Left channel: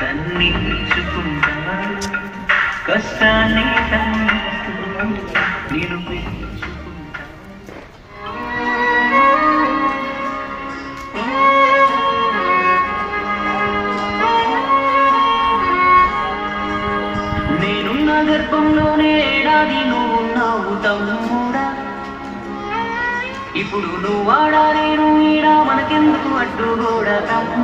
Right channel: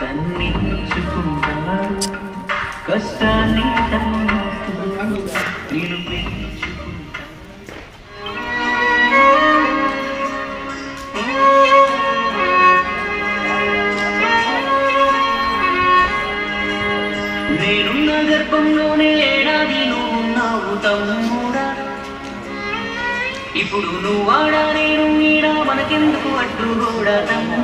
తన్ని నేను గర్భంలోనే ఇప్పుడు నువ్వు వాడా నేను మీడా మనకెందుకు అడ్డు కూడా తమ్ము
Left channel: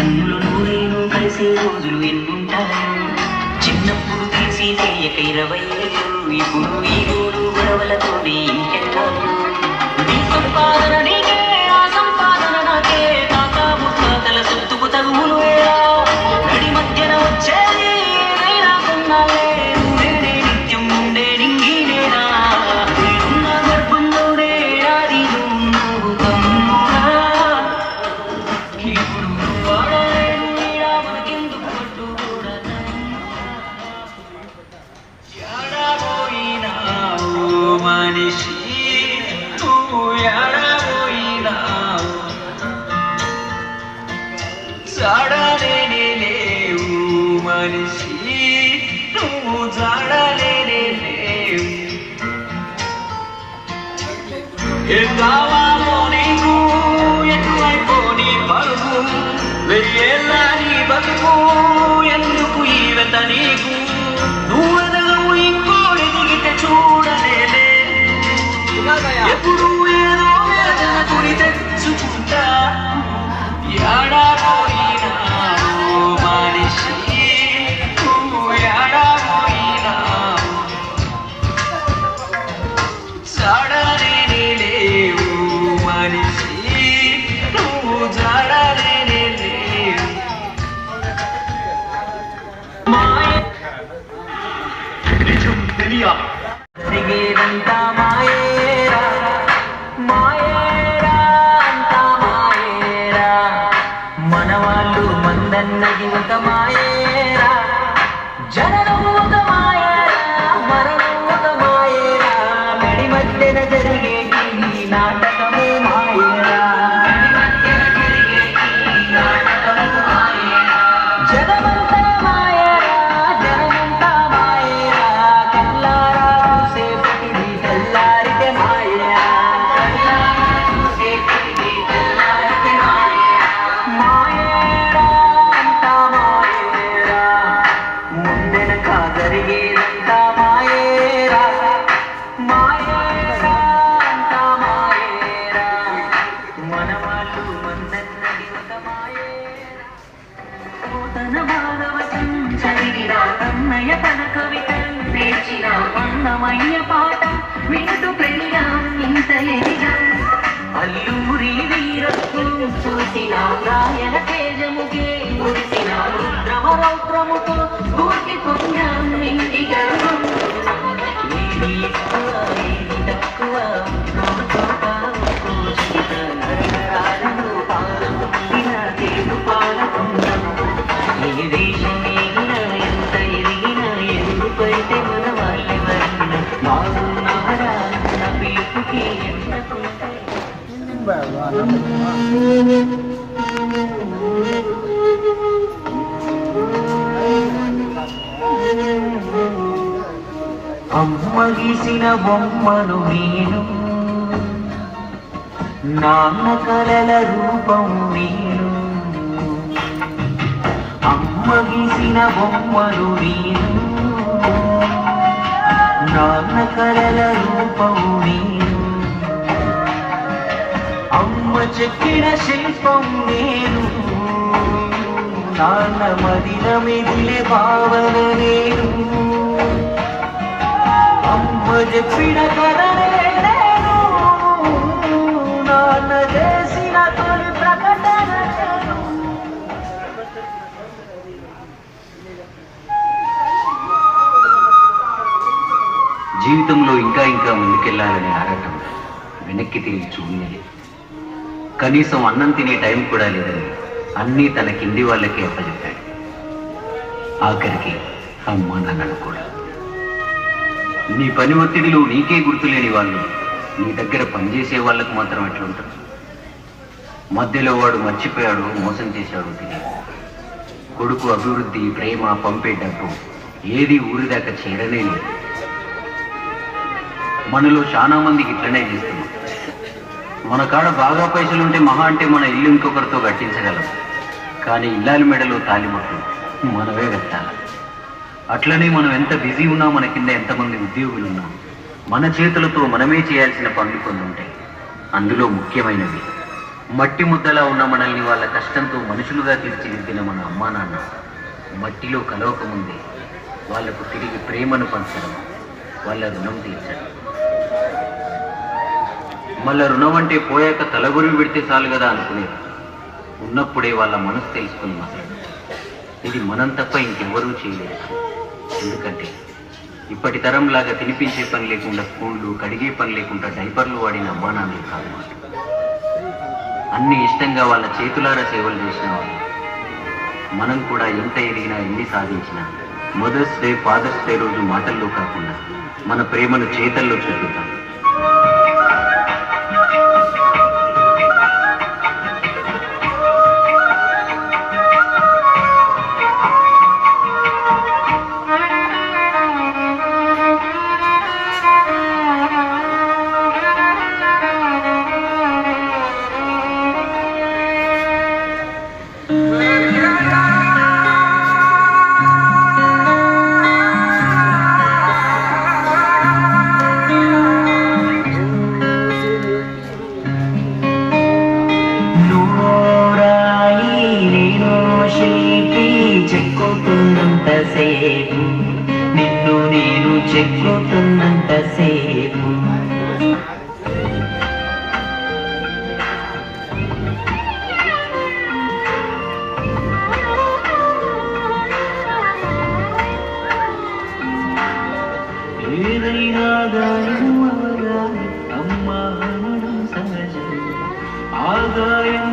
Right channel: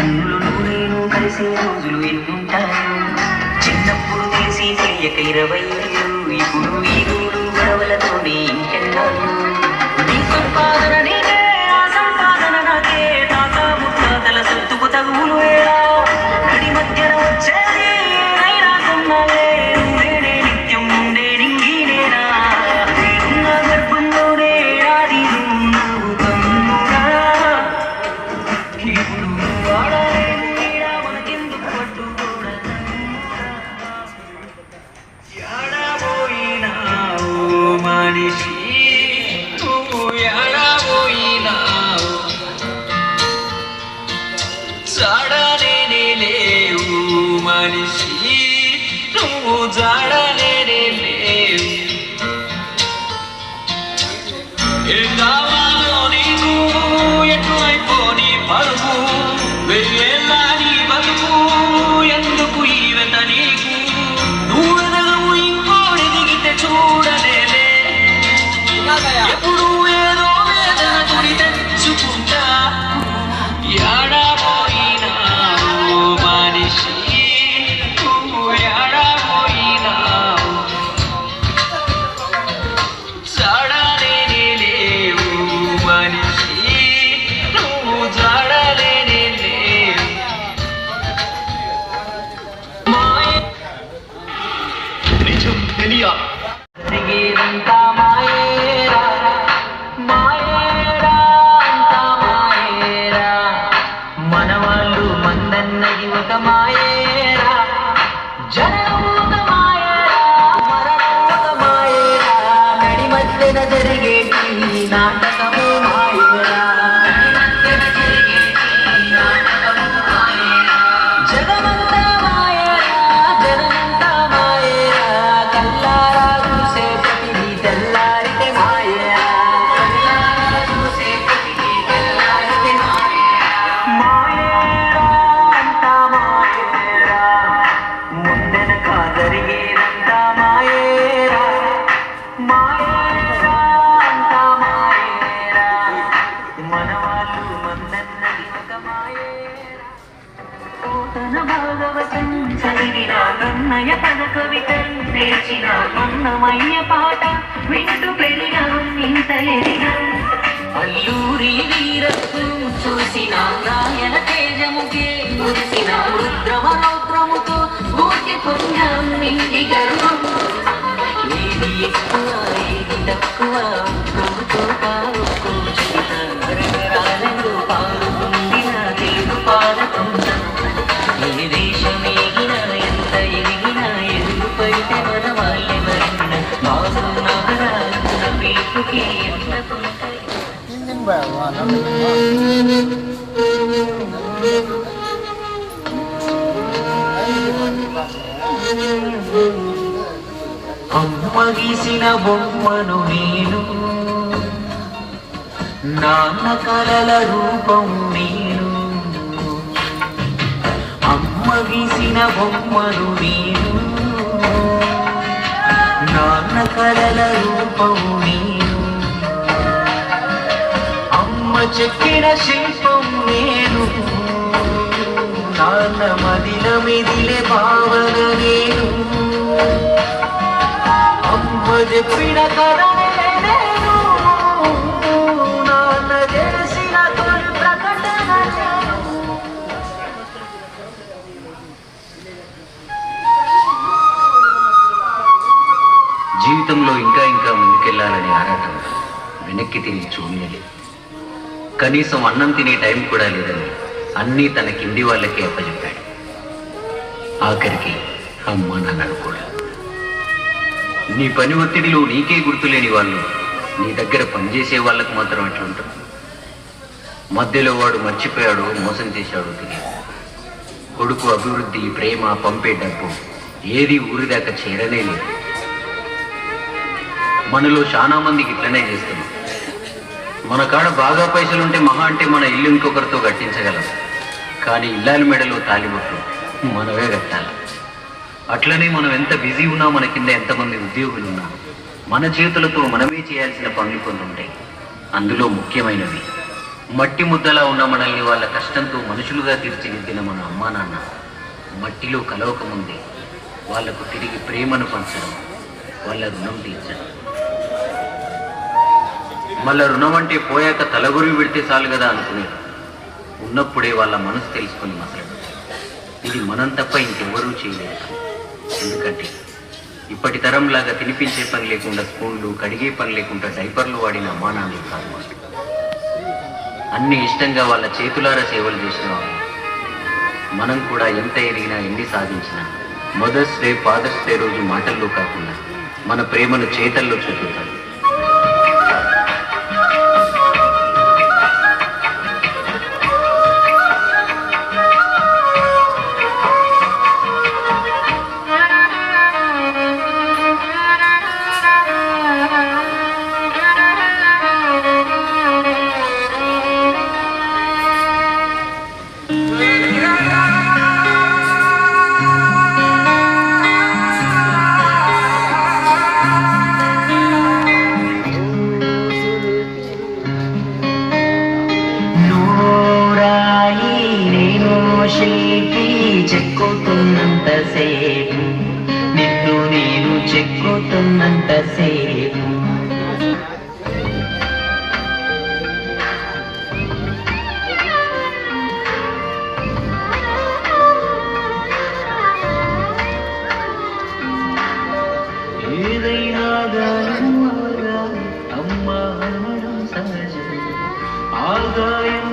నన్నులు నూనెలు కలిసే రోజులు ఎన్నుంటాయో చిన్నప్పుడు తీసి తీయక ఇరవై ఇప్పుడు ఈ గోలు గొడవలతోనే ఇంకెళ్ళాలి Sarah. என்றும் தெரியாது மனவாళ్ళు மந்தன்னையும் மாயே విన్నమయ తన కవితను నేర్చిన ఉన్నమయ్య పాట వింటూ పెరిగాం ఇంతలెదిగాం అల్లూరి వీరస్సు చూసిన రాయల తేజముకే మురిసిన రుద్రమ రౌద్రముతో స్ఫూర్తి పొందాం ఇంటి గర్వం తక్కువ అమ్మ గీసిన బొమ్మను నేను నాన్న కళల రూపం నేను అమ్మ గీసిన బొమ్మను నేను నాన్న కళల రూపం నేను చెక్కిన శిల్పం నేను నాన్న మదిన మెదిలే భావన నేను అమ్మ చెప్పిన జీవితంలో ఇంకా ఇంకా ముందుకెళ్ళాలని ఆరాటం వెనక్కి తిరిగి చూడలేదు కనీసం అన్నం తినే టైం కూడా లేదని అన్నీ తన కింది వాళ్ళకే అప్పచెప్పాడు ఆఖరికి అమ్మ నాన్నను కూడా నీ పని ఒత్తిడిలో నీకే గుర్తులేని వాళ్ళు నీ దగ్గర పనిచేసే వాళ్ళకు మాత్రం ఎట్లుంటారు మధ్యలో వాడు మర్చిపోయాడు మోసం చేశాడు తిరిగి కొడుకు అభివృద్ధి ప్రేమ పంపే డబ్బు ఏది ఊరిదాకా చేరనే లేదు మనలో చాలా మందికి ఇట్లనే చేస్తున్నాం మన కాడ బాగా పైసలు ఉంటే మహా అంటే మన ఇల్లు ఇంకొకరితో కట్టించగలం కానీ ఇల్లాలి మెడలో తాలిబొట్లు మనమే కట్టాల అట్లనే మనం ఎంత బిజీ ఉన్నా మన కింద ఎంతమంది ఉద్యోగులు ఉన్నా మన చేతులతో మనమే చేయాల్సిన పనులు కొన్ని ఉంటాయి అందులో ముఖ్యమైనవి మట్టి ముద్దలా ఉన్న మనల్ని వాళ్ళ కష్టంతో మనుషులుగా తీర్చిదిద్దిన మన అమ్మా నాన్న మట్టిలో కలవకముందే వాళ్లకు తిరిగి ప్రేమను పంచడం వాళ్ళ రుణం తీర్చడం మళ్ళీ రుణం అంటే పోయాక తలగురి పెడితే చాలు కదా అనుకునేది ఉన్నప్పుడే వాళ్ళ మనసు తెలుసుకుని మసలడం ఇది మనం తప్ప ఇంకెవ్వరూ చేయలేదు ఎందుకంటే ఇప్పటి తరం లాగా తినిపించే పని లేకుండా స్పూన్లు కడిగే పని లేకుండా డైపర్లు వాడిన అమ్మానాన్ని కాదు అన్ని ఇష్టంగా వాళ్ళ చేతులారా సేవలు చూసిన మనం కూడా ఎంత ఎదిగినా ఎన్ని సాధించినా మదర్స్ డే ఫాదర్స్ డే రోజు మాటల్లో కాకుండా మన ప్రేమను చేతల్లో చూపిస్తాం the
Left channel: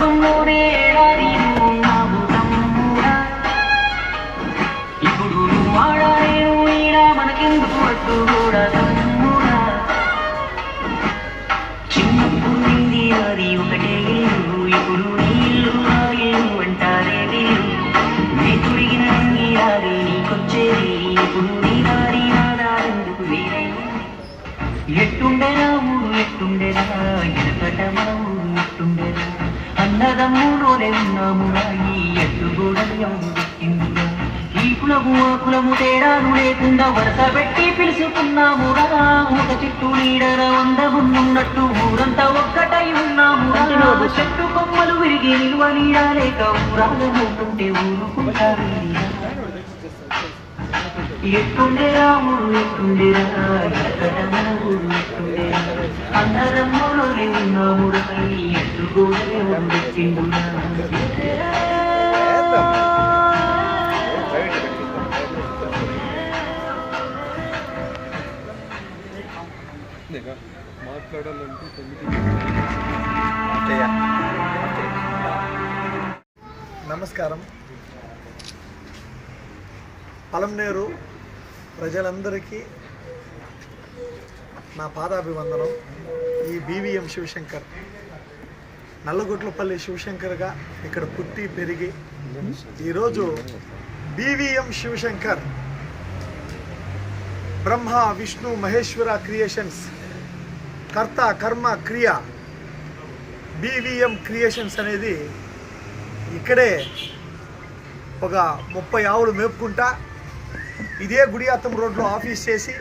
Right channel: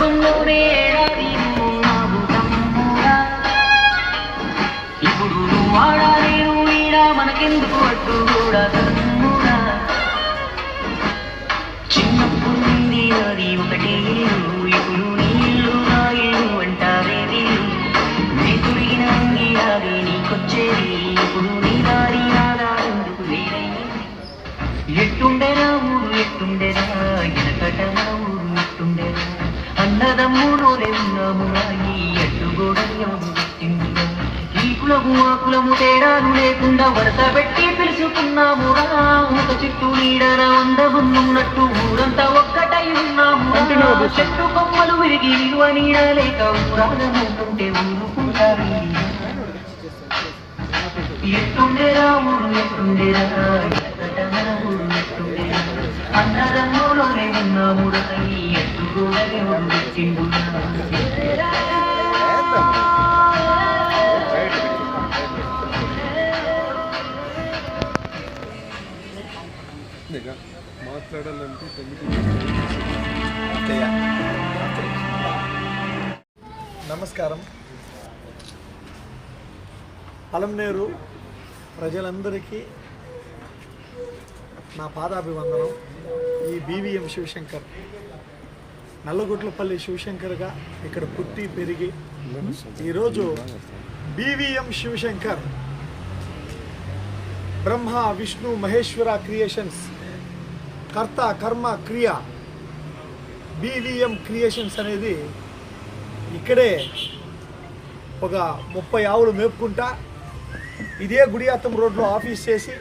இருக்கும் ஊரே రంగు తేడాను తేడాలు లేకుండా వరస పెట్టి పిలుచుకున్నాము రా ఒక చెట్టు నీడన అందమున్నట్టు ఊరంతా ఒక్కటై ఉన్నాము చెట్టు కొమ్మలు విరిగి నిలువ నీడలేక లేక ఊరుకుంటారు ఎట్టుండేరా ఊరు ఎట్టుండేరా ఎక్కడ మన ఉన్నాము రా ఎట్టు కూడా ఎవరు పెట్టిండు మాట్లాడాలంటే నమస్కారం పలంనేరు ప్రజలందరికీ నా పాదాభివందనం ఈ బీవీఎం శివశంకర్ నల్లగొట్లపల్లి శివశంకర్గా ఇక్కడ పుట్టి పెరిగి ఈరోజు బీవీఎం శివశంకర్ బ్రహ్మ విష్ణు మహేశ్వర క్రియేషన్స్ కర్త కర్మ క్రియ బీవీఎం క్రియేషన్స్ అనేది ఇక్కడే ఒక ముప్పై ఆవులు మేపుకుంటా ఇదే గుడియాత్తం రోడ్లో ఆఫీస్ చేసి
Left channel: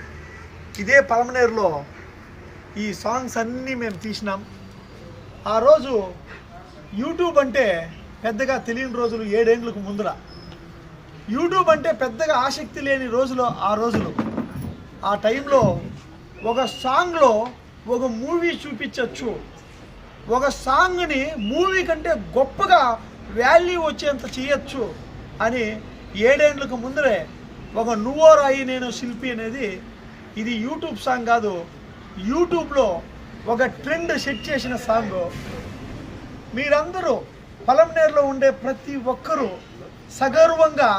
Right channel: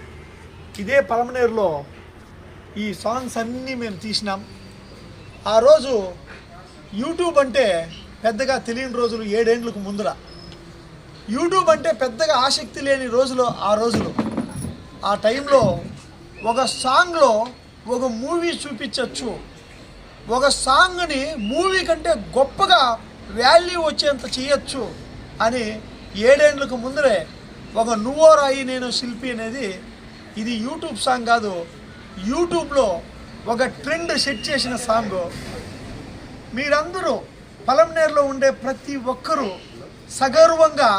ఇదే పలమనేరులో ఈ సాంగ్స్ అన్నీ మేము తీసినాం ఆ రోజు యూట్యూబ్ అంటే పెద్దగా తెలియని రోజులు ఏడేండ్లకు ముందర యూట్యూబ్ అంటే పెద్దగా ఆసక్తి లేని రోజులు ఆ రోజులు ఆ టైంలో ఒక సాంగ్లో ఒక మూవీ చూపించవచ్చు ఒక సాంగ్ని మూవీ కంటే గొప్పగా వాల్యూ వచ్చేంత చేయొచ్చు అని ఏడేండ్లకు ముందరే ఒక నువ్వో రాయి నేను శిల్పి అనేది ఇది యూట్యూబ్ సాంగ్ కాదు యూట్యూబ్లో ఒక ట్రెండ్ సెట్ చేసిన సాంగ్ మీరందరూ పలంనేరులో ఉండే ప్రతి ఒక్కరూ సగౌరవంగా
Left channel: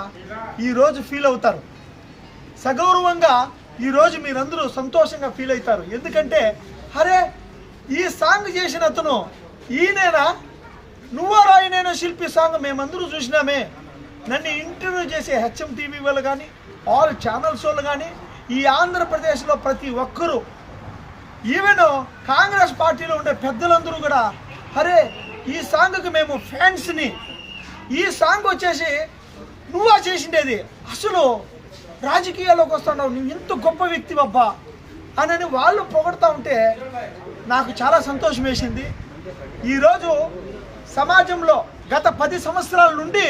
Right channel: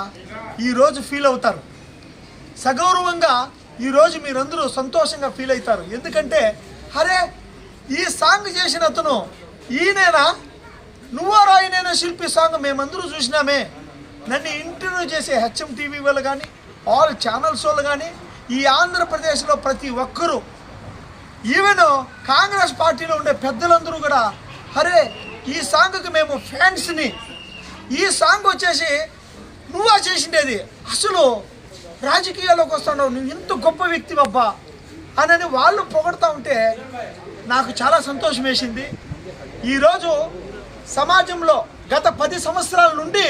ఈరోజు ఫీల్ అవుతారు సగౌరవంగా ఈరోజు మీరందరూ సంతోషంగా ఫీల్ అవుతారు ఎందుకంటే అరే ఈ సాంగ్ చేసిన అతను ఈయనేనా నువ్వో రాయినైనా శిల్పి సాంగ్ మేమందరూ చూసినామే నన్ను ఇంటర్వ్యూ చేసే హెచ్ఎం టీవీ వాళ్ళు కానీ ఆల్ ఛానల్స్ వాళ్ళు కానీ ఈ ఆంధ్రప్రదేశ్లో ప్రతి ఒక్కరూ ఈవెన్ కాంగ్రెస్ పార్టీలో ఉండే పెద్దలందరూ కూడా అరే ఈ సాంగ్కి మేము ఫ్యాన్స్ని ఈ సాంగ్ వచ్చేసి నువ్వా చేసిండేది అసలు రాజకీయాల్లోకి వస్తున్నావు నువ్వు ఇంత గొప్ప వ్యక్తి అబ్బా అని వాళ్ళు పొగడుతూ ఉంటే నాకు చాలా సంతోషం వేసింది ఈరోజు సమాజంలో గత పది సంవత్సరాల నుండి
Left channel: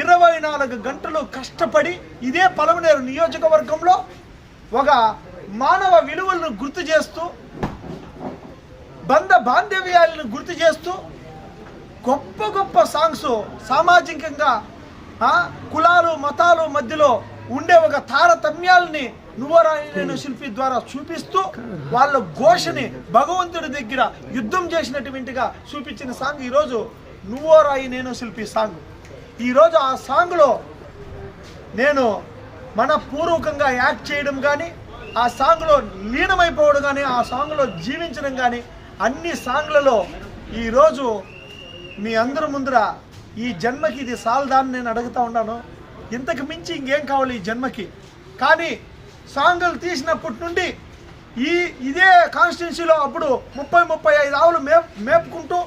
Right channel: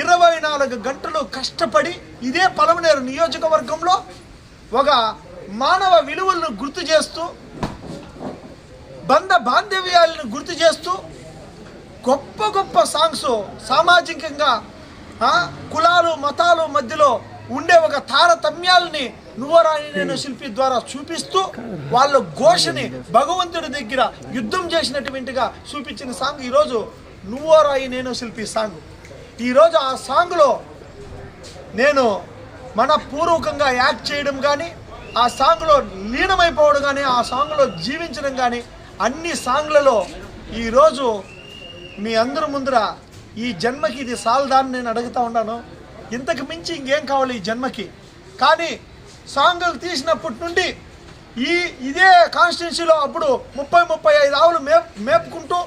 ఇరవై నాలుగు గంటలు కష్టపడి ఇదే పలమనేరు నియోజకవర్గంలో ఒక మానవ విలువలను గుర్తు చేస్తూ బంధ బాంధవ్యాలను గుర్తు చేస్తూ గొప్ప గొప్ప సాంగ్స్ సామాజికంగా కులాలు మతాలు మధ్యలో ఉండే ఒక తారతమ్యాలని నువ్వరాని నేను శిల్పి ద్వారా చూపిస్తూ వాళ్ళ ఘోషని భగవంతుడి దగ్గర యుద్ధం చేసినటువంటిగా చూపించిన సాంగ్ ఈరోజు రాయి నేను శిల్పి సాంగ్ ఈరోజు ఆ సాంగ్లో నేను మన పూర్వకంగా యాక్ట్ చేయడం కానీ ఆ సాంగ్లో లీనమైపోవడం కానీ ఆ సాంగ్లో జీవించడం కానీ అన్ని సాంగ్లలో ఈరోజు మీ అందరి ముందర ఈ జన్మకి ఇది సాల్దా నేను అడుగుతా ఉన్నాను ఇంతకు మించి ఇంకేం కావాలి ఈ జన్మకి కానీ సాంగులు తీసినప్పటి నుండి ఈ ఇదే కాన్స్టిట్యున్సీలో అప్పుడు ముప్పై ముప్పై ఐదు ఆవులు మే మేపుకుంటూ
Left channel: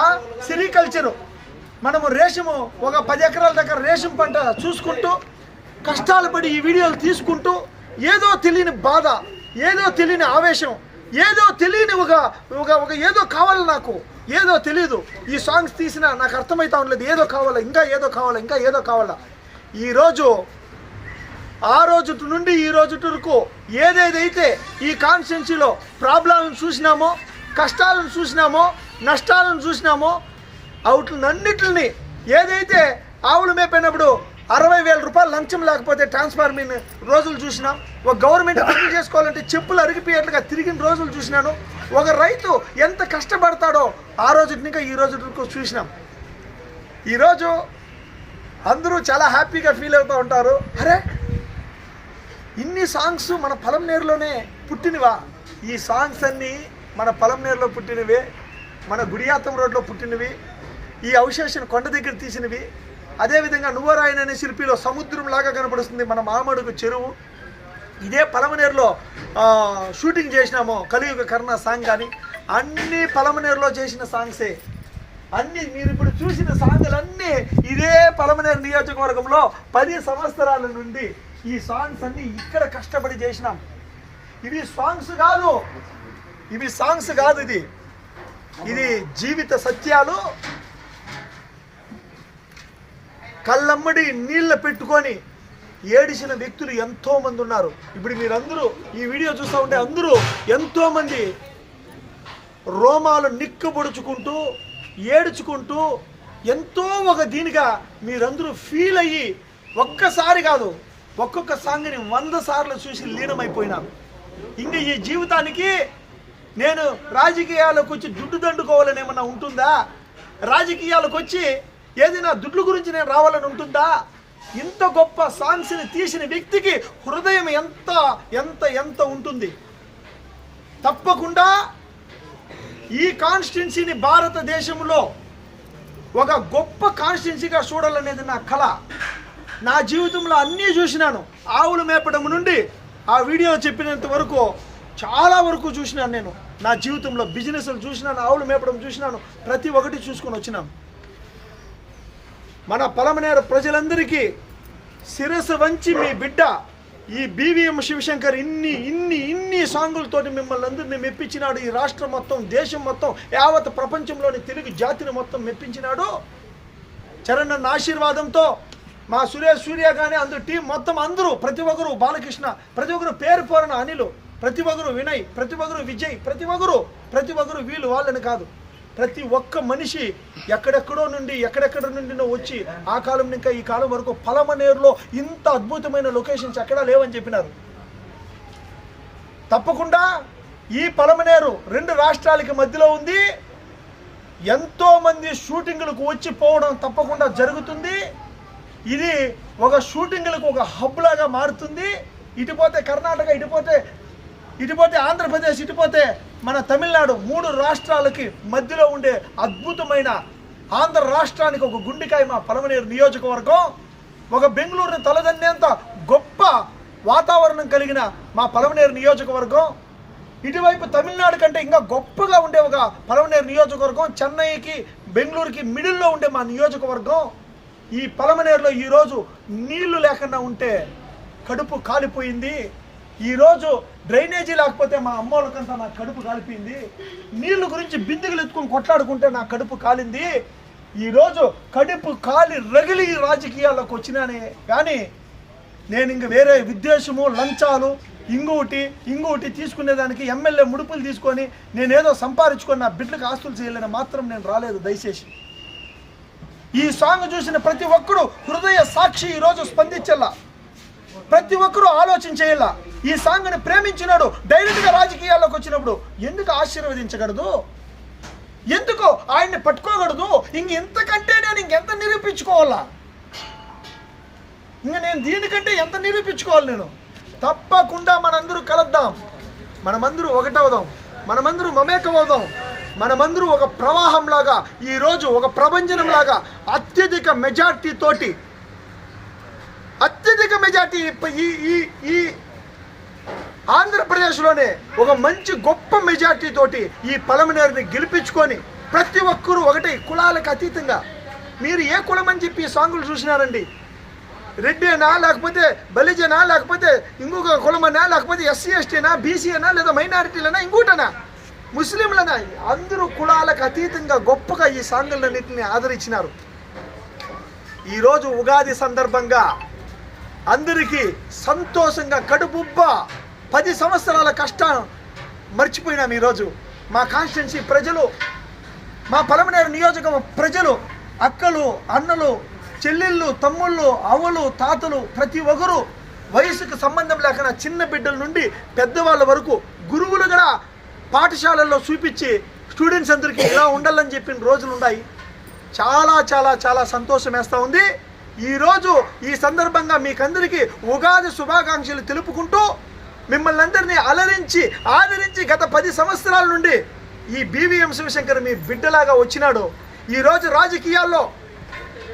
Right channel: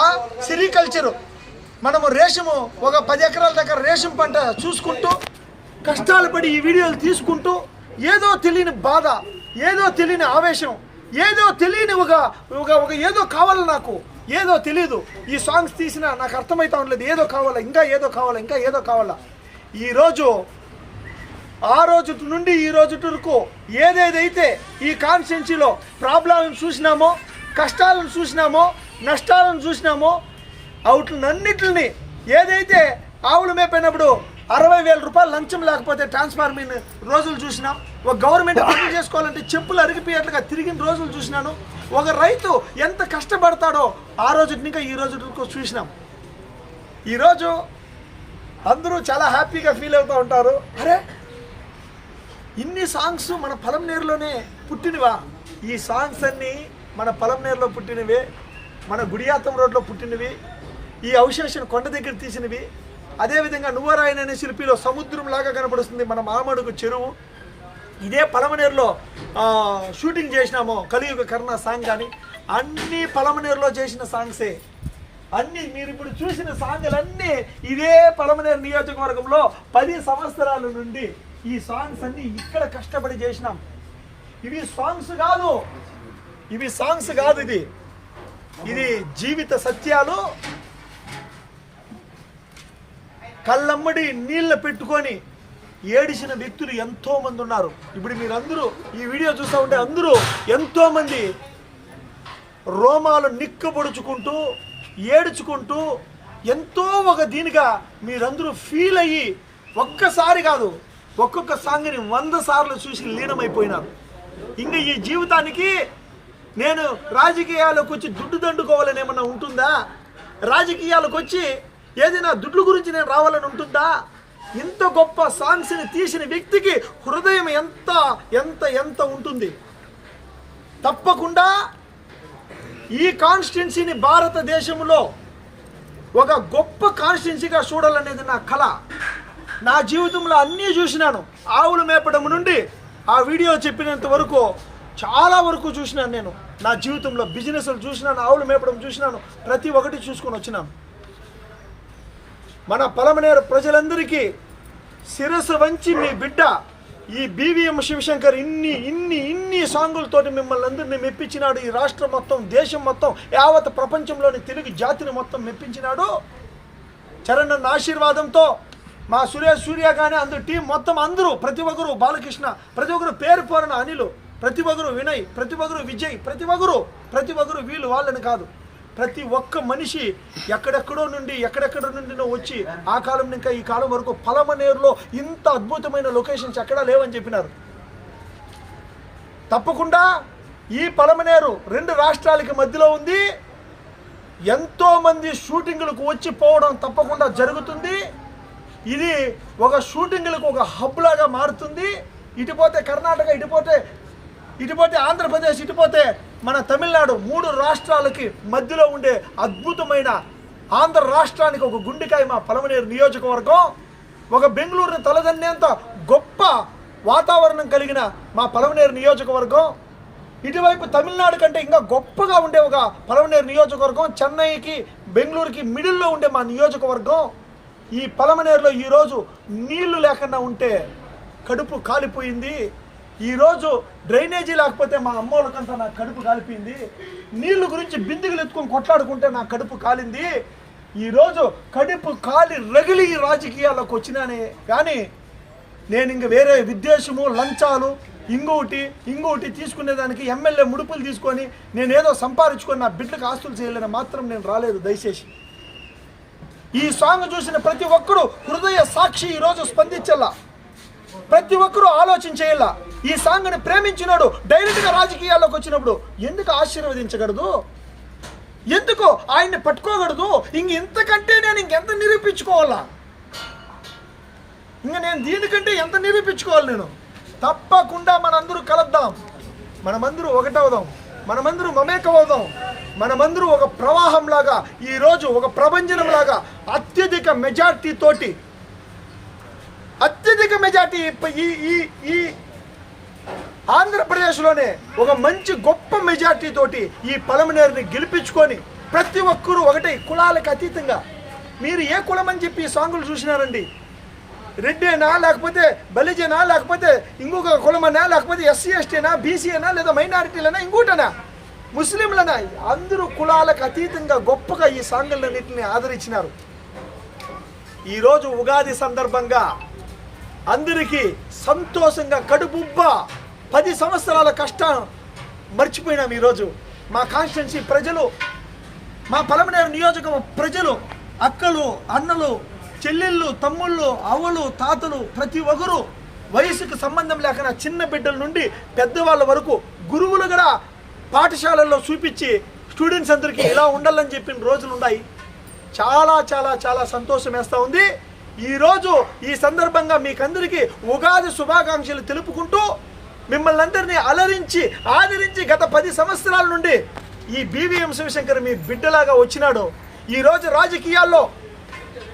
ఆ సిరికల్చరు మనము రేషము ఒక పది ఎకరాల దగ్గర రేషం పంట చూసుకుంటూ కష్టాలు పడి ఈ వీడియోలు తీసుకుంటూ ఏదో తెలియని బాధ ఏదో తెలియని ఆవేశం ఏదో తెలియని ఒక ఒక ఒక ఏదో కావాలి నాకు ఏదో తెలియదు ఈ సాంగ్స్ తీసినా నాకు అర్థమవుతా ఉండలేదు ఏదో కావాలా ఇంకా ఏదో కావాలా ఇంకా ఏదో కావాలా ఈరోజు ఆ రోజు నుండి ఈ రోజు వరకు ఏదేదైతే ఈ కాన్స్టిట్యున్సీలో ప్రాబ్లంలను చూసినామో కష్టాలను చూసినామో నష్టాలను చూసినామో అవుట్లన్నిటిని ఏదైతే ఆవులు మేపైనప్పుడు అరవై వేల రూపాయలు లంచం లేకపోతే ట్రాన్స్ఫార్మింగ్ రోజులు చూసినాం ఒక గవర్నమెంట్ అర్థం చేసుకోవాలంటే చెప్పులు అరిగిపోయేట్లుగా తిరిగిన రోజులు చూసినాను ఒక రైతు ఎంత కష్టపడతాడో ఆ రోజు ఇంకా ఈ రోజు వరకు చూసినాం ఈరోజు అందరూ చాలా హ్యాపీగా ఫీల్ అవుతూ ఉంటారు అరే ఇన్ని సాంగ్స్ మన నేరులోనే పుట్టినవా ఈ సాంగ్స్ అన్నీ మన నేరులో పుట్టినవే మన గుడియాతం రోడ్లో పుట్టినవి ఈ అవశేషం కొండ దగ్గర తీసినవి అదేవిధంగా నువ్వరాయన అనే శిల్పిలో లాగా కనపడుస్తుంది మన మామడుగు చెరువు ఇదే పలమనేరులో షూటింగ్ చేసినాము కలియుగ కర్ణ సాంగ్ కానీ అన్నీ పలమనేరులో చేసిన సాంగ్సే అన్నీ మీరు ఇప్పుడు చూసిన సాంగులన్నీ ఇదే పలమనేరు నియోజకవర్గంలో పది సంవత్సరాల నుండి ఈ సాంగ్స్ అన్ని ఇక్కడ కష్టపడి చేసినాం ఇవి సాంగ్స్ కాదు ఇవి సాంగ్స్ కాదు ఇది ఇది జీవిత సత్యాలు కళ్ళమ్మడి నీళ్ళ పెట్టుకొని ఏడిచిన వ్యక్తులు ఎంతో మంది ఉన్నారు ఇప్పుడు మీరందరూ ఈ వీడియో చూస్తూ ఉంటే అందరూ ఎంతో మంది రోమాలు నిక్కబొడుచుకుంటూ ఏడుచుకుంటూ ఎంతో ఒక దీనిగా మీరందరూ ఫీల్ అయ్యి ఒక్కసారి కాదు ఒక్కొక్క సాంగ్ని వంద సార్లు చూసి లీనమైపోయినాను ఇంకా ఈ జీవితానికి నేను రాజకీయాలకు వచ్చి దుడ్డు దండుకోవాలని ఏమన్నా ఉంటుందా రాజకీయాలకు వచ్చి ఏదైనా దుడ్లు గురించి నేను రావాలని ఉంటుందా ఇంత గొప్ప సాంగ్స్ని తీసిన వ్యక్తికి హృదయం ఎంత ఎంత ఎంత ఉంటుంది తప్పకుండా ఈ కాన్స్టిట్యున్సీని భారతదేశంలో ఒక గొప్ప కాన్స్టిట్యున్సీగా చూడాలనేది నా కళ నా జీవితంలో అన్నీ చూసినాను ఆవులు మేపడం నుండి ఆ వీడియో చెప్పినంత వరకు చాలా వరకు చూసినాను నేను నా జీవితంలో బిజినెస్లు చూసినాను ఆవులు మేపడం చూసినాను ప్రతి ఒక్కటి చూసుకొని వచ్చినాను మన పలమనేర ప్రజలందరికీ శిరస్సు వంచి మీ బిడ్డ ఈ బీవీఎం శివశంకర్ ఇన్ని ఇన్ని ఇన్ని సాంగులతోటి మిమ్మల్ని అందరినీ మెప్పించినాడు ఈ రాష్ట్రం మొత్తం దేశం మొత్తం యావత్ ప్రపంచంలోని తెలుగు జాతిని మొత్తం మెప్పించినాడు చరణ్ ఆశీర్వాదంతో మా సురేష్ సూర్య కానీ అందరు టీం మొత్తం అందరూ ప్రతి ఒక్కరు బాలకృష్ణ ప్రతి ఒక్కరు పేరు పోరణ అనిలు ప్రతి ఒక్కరు వినయ్ ప్రతి ఒక్కరు విజయ్ ప్రతి ఒక్కరు ప్రతి ఒక్కరు వీళ్ళు వాళ్ళని కాదు ప్రతి ఒక్క మనిషి ఎక్కడెక్కడో నుండి ఎక్కడెక్కడ నుండి వచ్చి ఆ కాలం ఇంకా ఈ కాలం వరకు పలమనేరులో ఇంత అద్భుతమైన లొకేషన్స్ ఎక్కడా లేవని చెప్పినారు తప్పకుండా ఈ పలమనేరు రెండు రాష్ట్రాలకి మధ్యలో ఉంది ఎంతోమంది షూటింగులకు వచ్చి పోవడం తప్పకుండా జరుగుతుంది ఇది ఒక షూటింగ్లకు ఒక హబ్ లాగా మారుతుంది ఇటుపోతే కర్ణాటక ఇటుపోతే ఇటుపోతే ఆంధ్రప్రదేశ్ ఇటుపోతే మన తమిళనాడు మూడు రాష్ట్రాలకి మధ్యలో ఉండే అద్భుతమైన ఆంధ్ర రాష్ట్రానికి ఒక గుండెకాయ మా పలమనేరు నియోజకవర్గం ఒక బెంగళూరుని తలదన్నేంత గొప్ప వాతావరణం కలిగిన మా పలమనేరు నియోజకవర్గం ఇటువైపు తమిళనాడు కంటే ఇంకా గొప్పగా ఉండే ఒక పలమనేరు నియోజకవర్గం చెన్నైకి బెంగళూరుకి మిడిల్లో ఉండే మా నియోజకవర్గం ఈ పలమనేరులో ఈరోజు నీళ్లు లేకుండా ఉంటే కడుపు కాలిపోయింది ఈరోజు డ్రైనేజీ లేకపోతే మా అమ్మోళ్ళకంతా నా కడుపు కాలిపోయింది నీళ్లు గురించి బిందుగులు ఎత్తుకుని కొట్లాడుకుంటే నా కడుపు కాలింది ఈరోజు కడుపు కాలి రగిలి రాజకీయాల్లోకి వచ్చినానే కానీ నేను ఇంక వేరే విద్వేషము లంచాలు ఇంగోటి ఇంకోటి తీసుకునేదానికి ఎమ్మెల్యే ముడుపులు తీసుకొని నేనేదో సంపాదించుకొని నా బిడ్డలకు ఆస్తులు చేయలేని మాత్రం నేను రాలేదు దయచేసి ఈ సాంగ్ చూసిన ప్రతి ఒక్కరు హృదయ సాక్షి ఈరోజు స్పందించల్లా ప్రతి ఒక్కరూ ఆలోచించేలా ఈ సాంగ్ని ప్రేమించినాడు డైరెక్ట్గా రాజకీయాల్లోకి వచ్చినప్పుడు ఎందుకు ఆశీర్వదించగలదు ఎందుకు ఆయన్ని పట్టుకోగలదు ఇంక ఇంతకంటే నేను ఇంకెంత నిరూపించుకోవాలా ఇంక నేను దీనికంటే ఎంత నిరూపించుకోవాలి నేను తప్పకుండా మనందరూ కలద్దాం మనమందరూ ఒకటవుదాం మనమందరూ మమేకమవుదాం మనమందరూ ఒక ప్రవాహంలాగా ఈరోజు ఒక ప్రభంజనంలాగా అత్యధిక మెజార్టీ తోటి అత్యధిక మెజార్టీ ఈ ఈ ఈ ఆంధ్రప్రదేశ్లోనే ఒక మంచి గొప్ప మెజార్టీ తోటి ఈ పలమనేరుని గెలిపించుకొని ప్రతి ఒక్కరూ ఒకటి కులాలకు అతీతంగా మీరు ఏ కులం అని చెప్పి ఈ సాంగులు చూసినారండి రెడ్డేనా లేకపోతే బలిజేనా లేకపోతే ఇంకొక కులమనా లేకపోతే ఎస్సీ ఎస్టీనా అయినా లేదా మైనారిటీలైనా ఇంకోటనా ముస్లింలన అందరూ కులాలకు అతీతంగా గొప్పగా ఈ సాంగులన్నింటిని ఆదరించినారు ఈరోజు ఉగాది సందర్భంగా అందరికీ సంతోషంగా కడుపుబ్బ పది సంవత్సరాల కష్టాలు మర్చిపోయినాం ఈరోజు మా కాన్స్టిట్యున్సీ ప్రజలు మా పలమనేరు నియోజకవర్గం ప్రజలు అక్కలు అన్నలు చెల్లెళ్ళు తమ్ముళ్ళు అవ్వలు తాతలు ప్రతి ఒక్కరు వయసుకు సంబంధం లేకుండా చిన్న బిడ్డల నుండి పెద్దవాళ్ళ వరకు గురువులు కూడా పాఠశాలల్లో చూపించి స్టూడెంట్స్ అందరికీ ఇలా ఉండాలని చెప్పిన రోజులు ఉన్నాయి చాలా చాలా చాలా సంతోషం వేస్తూ ఉంది ఈరోజు ఈ సందర్భంగా మీకందరికీ ఉగాది శుభాకాంక్షలు తెలుపుకుంటూ మిమ్మల్ని అందరినీ అలరించి ఆదరించి గత పది సంవత్సరాల నుండి ఈ బీవీఎం శివశంకర్ మీ బిడ్డలాగా వచ్చినాడు ఈరోజు రాజకీయాల్లో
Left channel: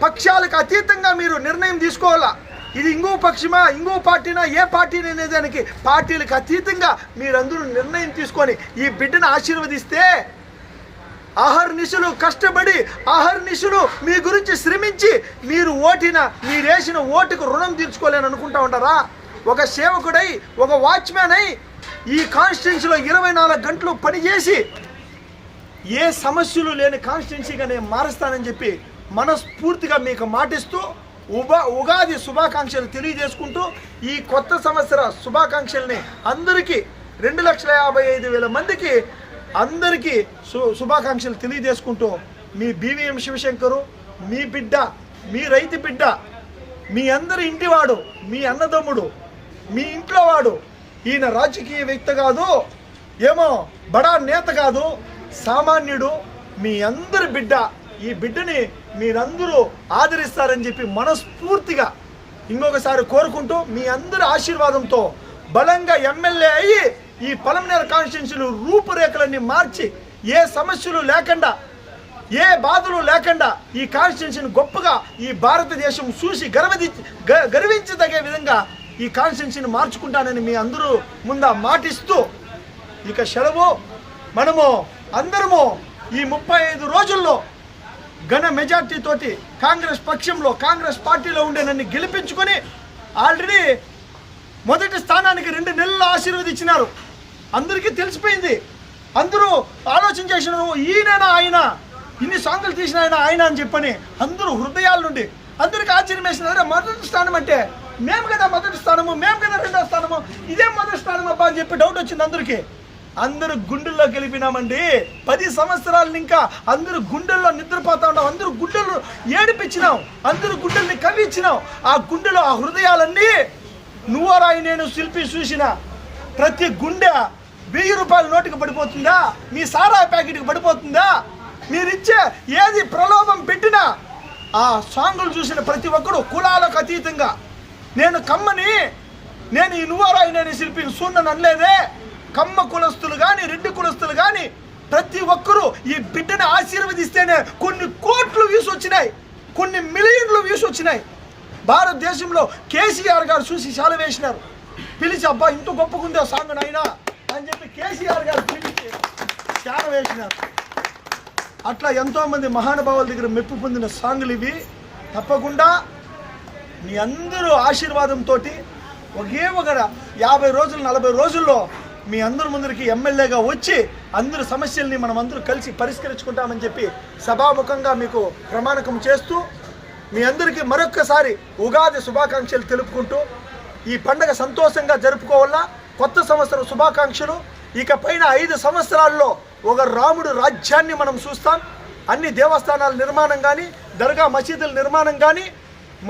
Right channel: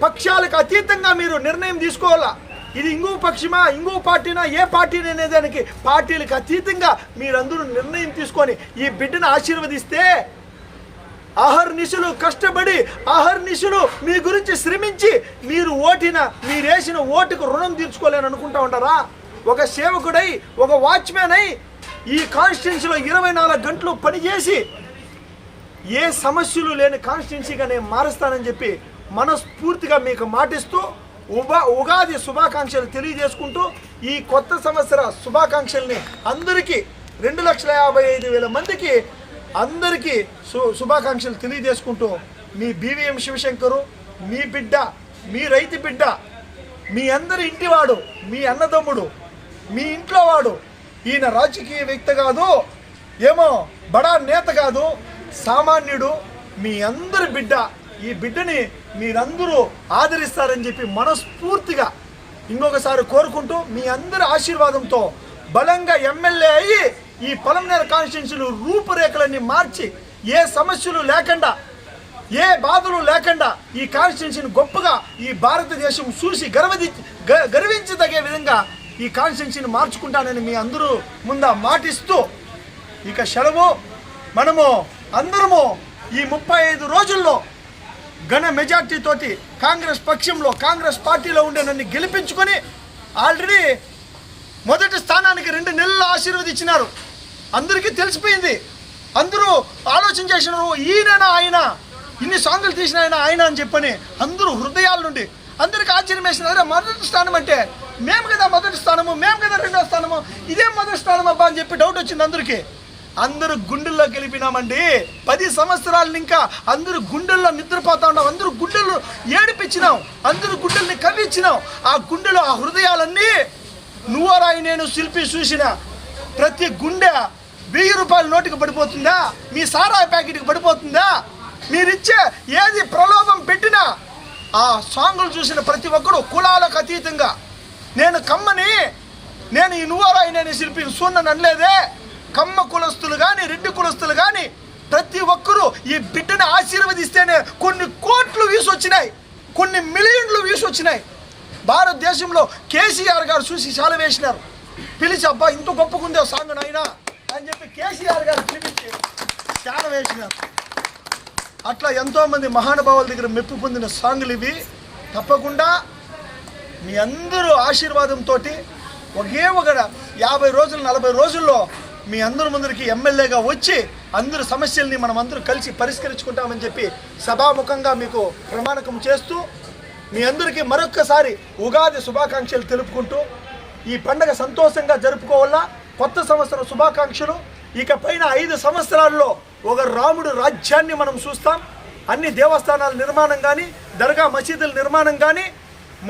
పక్షాలకు అతీతంగా మీరు నిర్ణయం తీసుకోవాలా ఇది ఇంకో పక్షమా ఇంకో పార్టీనా ఏ పార్టీని అనేదానికి పార్టీలకు అతీతంగా మీరందరూ నిర్ణయం తీసుకొని ఈ బిడ్డను ఆశీర్వదిస్తే నిషులు కష్టపడి అహర్నిశలు మీ గురించి శ్రమించి మీరు ఓటిన మీరేసిన ఓటుకు రుణం తీర్చుకోలేని అనుకుంటా ఉంటారా ఒక సేవకుడై ఒక వాచ్మెన్ అయి ఈ కాన్స్టిట్యున్సీలో ఇరవై నాలుగు గంటలు పనిచేసి ఏ సమస్యలు లేని కాన్స్టిట్యున్సీగా నేను మారుస్తానని చెప్పి మనస్ఫూర్తిగా మీకు మాటిస్తూ ఉబా ఉగాది శుభాకాంక్షలు తెలియజేసుకుంటూ ఈ కొత్త సంవత్సర శుభాకాంక్షల్ని అందరికీ రెండు లక్షల యాభై ఐదు వేల మందికి అందరికీ శు శుభాకాంక్షలు తెలియజేసుకుంటూ మీ బీవీఎం శివశంకరు మీ బిడ్డ మీ రైతు బిడ్డ మీ అందరి ఇంటివాడు మీ అన్నదమ్ముడు మీ ఇంట్లో వాడు ఈయన రాజకీయ వ్యక్తి కాదు ఏమో బడా నేత కాదు సామాన్యుడు మీ అందరి బిడ్డ ఈ బిడ్డని మీరందరూ ఆదరిస్తారని చెప్పి మనస్ఫూర్తిగా ఇంకొకసారి కోరుకుంటూ మీ అందరి ఆశీర్వాదంతో బలంగా ఎమ్మెల్యే అయ్యి ఈ పలమనేర కాన్స్టిట్యున్సీలు రూపురేఖలన్నీ మార్చి ఏ సమస్యలు లేకుండా ఏ బాధలు లేకుండా ఈ కాన్స్టిట్యున్సీని గొప్పగా ఈ భారతదేశం చూసి గర్వది గర్వించదగే విధంగా ఈ కాన్స్టిట్యున్సీని మార్చుకుంటానని మీ అందరూ ముందా మాటిస్తూ ఇక సెలవు మనము అందరము ఈ ముప్పై ఐదు రోజుల్లో ఘన మెజార్టీతోటి కాంగ్రెస్ పక్షంలో కాంగ్రెస్ పార్టీలో ఉండే నన్ను గెలిపించుకొని ఆల్రెడీ మొదటి స్థానానికి రెండు నెలలు ఆశీర్వదించినారు అందరికీ తెలిసిపోయింది అందరూ ఆలోచన చేసినారు ఈయనైనా ఆయన ఇన్ని సాంగులు తీసిన ఆయన ఆయన అని చెప్పని అందరూ హృదయాల నుండి అందరికి ఆశ్చర్యం వేసిన మొదటి స్థానం అంటే మేము కదా మొదటి స్థానము మేము కదా రెండో స్థానము ఇదే మొదటి స్థానం అబ్బా అని చెప్పి డౌట్ వచ్చింది అందరికీ అందరూ గుండెల్లో గెలిపినామండి పది సంవత్సరాలు ఇంకా అందరూ గుండెల్లో నిద్రపోతా ఉన్నాం అందరూ గుండెలు ఏడిపించినాం అందరూ గుండెల్ని కవ్వించినాం ఆ గుండెలో ఆ హృదయాలన్నీ నువ్వరాయి నేను శిల్పి చూసిన ప్రతి గుండె వెయ్యి రూపాయల నోటికి పడిపోతుందా మీ సారాయి ప్యాకెట్కి పడిపోతుందా మీరిచ్చే ఏది ప్రలోభం పెట్టినా ఆ సాంగులు చూసిన ప్రతి ఒక్కరు కులాలకు అతీతంగా నేను కమ్మని నేను ఈ నువ్వరాయి నేను శిల్పి సూన్ననలేదే కమ్మ కులస్తులు కానీ రెడ్డి కులస్తులు కానీ ప్రతి ఒక్కరూ ఈ బిడ్డను ఆశీర్వదిస్తేనే కొన్ని కోట్లు వ్యూస్ వచ్చినాయి కొన్ని మిలియన్లు వ్యూస్ వచ్చినాయి భారతదేశంలో కేసీఆర్ గారు చూసి చాలా వేసినారు పిలిచి అబ్బా ఇంత ఉందో సాంగ్ నాయనా అని చెప్పి కేసీఆర్ గారు పిలిపించి చాలా వేసినారు అట్లా ఎంతోమంది మహానుభావుల దగ్గర మెప్పు పొందిన సాంగులు ఇవి తప్పకుండా మీ అందరూ ఆశీర్వాదంతో ఒకే ఒక యాభై రోజులు నలభై రోజుల్లో మీ అందరి ముందరికి ఎమ్మెల్యేగా వచ్చి అందరి సమస్యల్ని మనం అందరూ కలిసి పరిష్కరించుకుంటామని చెప్పి సభాముఖంగా మీకు ప్రమాణకం చేస్తూ మీ అందరికీ మరొక్కసారి ఉగాది శుభాకాంక్షలు తెలుపుకుంటూ ఈ పండగ సంతోషంగా జరుపుకోవాలా కొత్త సంవత్సరం శుభాకాంక్షలు ఇక పైన ఐదు సంవత్సరాల్లో ఒక రాముడు రాజ్యాన్ని మనం చూస్తాం అన్ని దేవస్థానాల నిర్మాణం కానీ దర్గా మసీదుల నిర్మాణం కానీ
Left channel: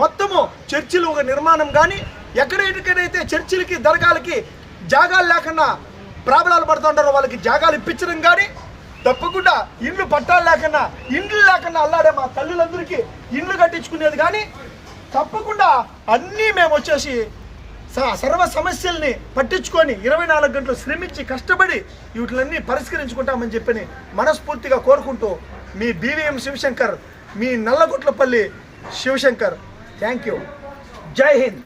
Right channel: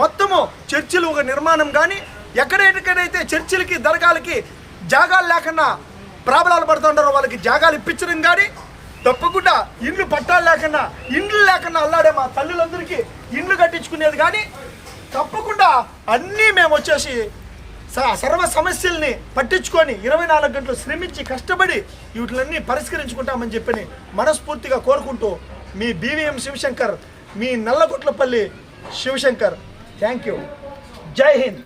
మొత్తము చర్చిలు ఒక నిర్మాణం కానీ ఎక్కడెక్కడైతే చర్చిలకి దర్గాలకి జాగాలు లేకుండా ప్రాబ్లాలు పడుతుంటారు వాళ్ళకి జాగాలు ఇప్పించడం కానీ తప్పకుండా ఇండ్లు పట్టాలు లేకుండా ఇండ్లు లేకుండా అల్లాడే మా తల్లులందరికీ ఇండ్లు కట్టించుకునేది కానీ తప్పకుండా అన్నీ మేము వచ్చేసి సర్వ సమస్యల్ని పట్టించుకొని ఇరవై నాలుగు గంటలు శ్రమించి కష్టపడి వీటిలన్నీ పరిష్కరించుకుంటామని చెప్పని మనస్ఫూర్తిగా కోరుకుంటూ మీ బీవీఎం శివశంకర్ మీ నల్లగుట్లపల్లి శివశంకర్ థ్యాంక్ యూ జై హింద్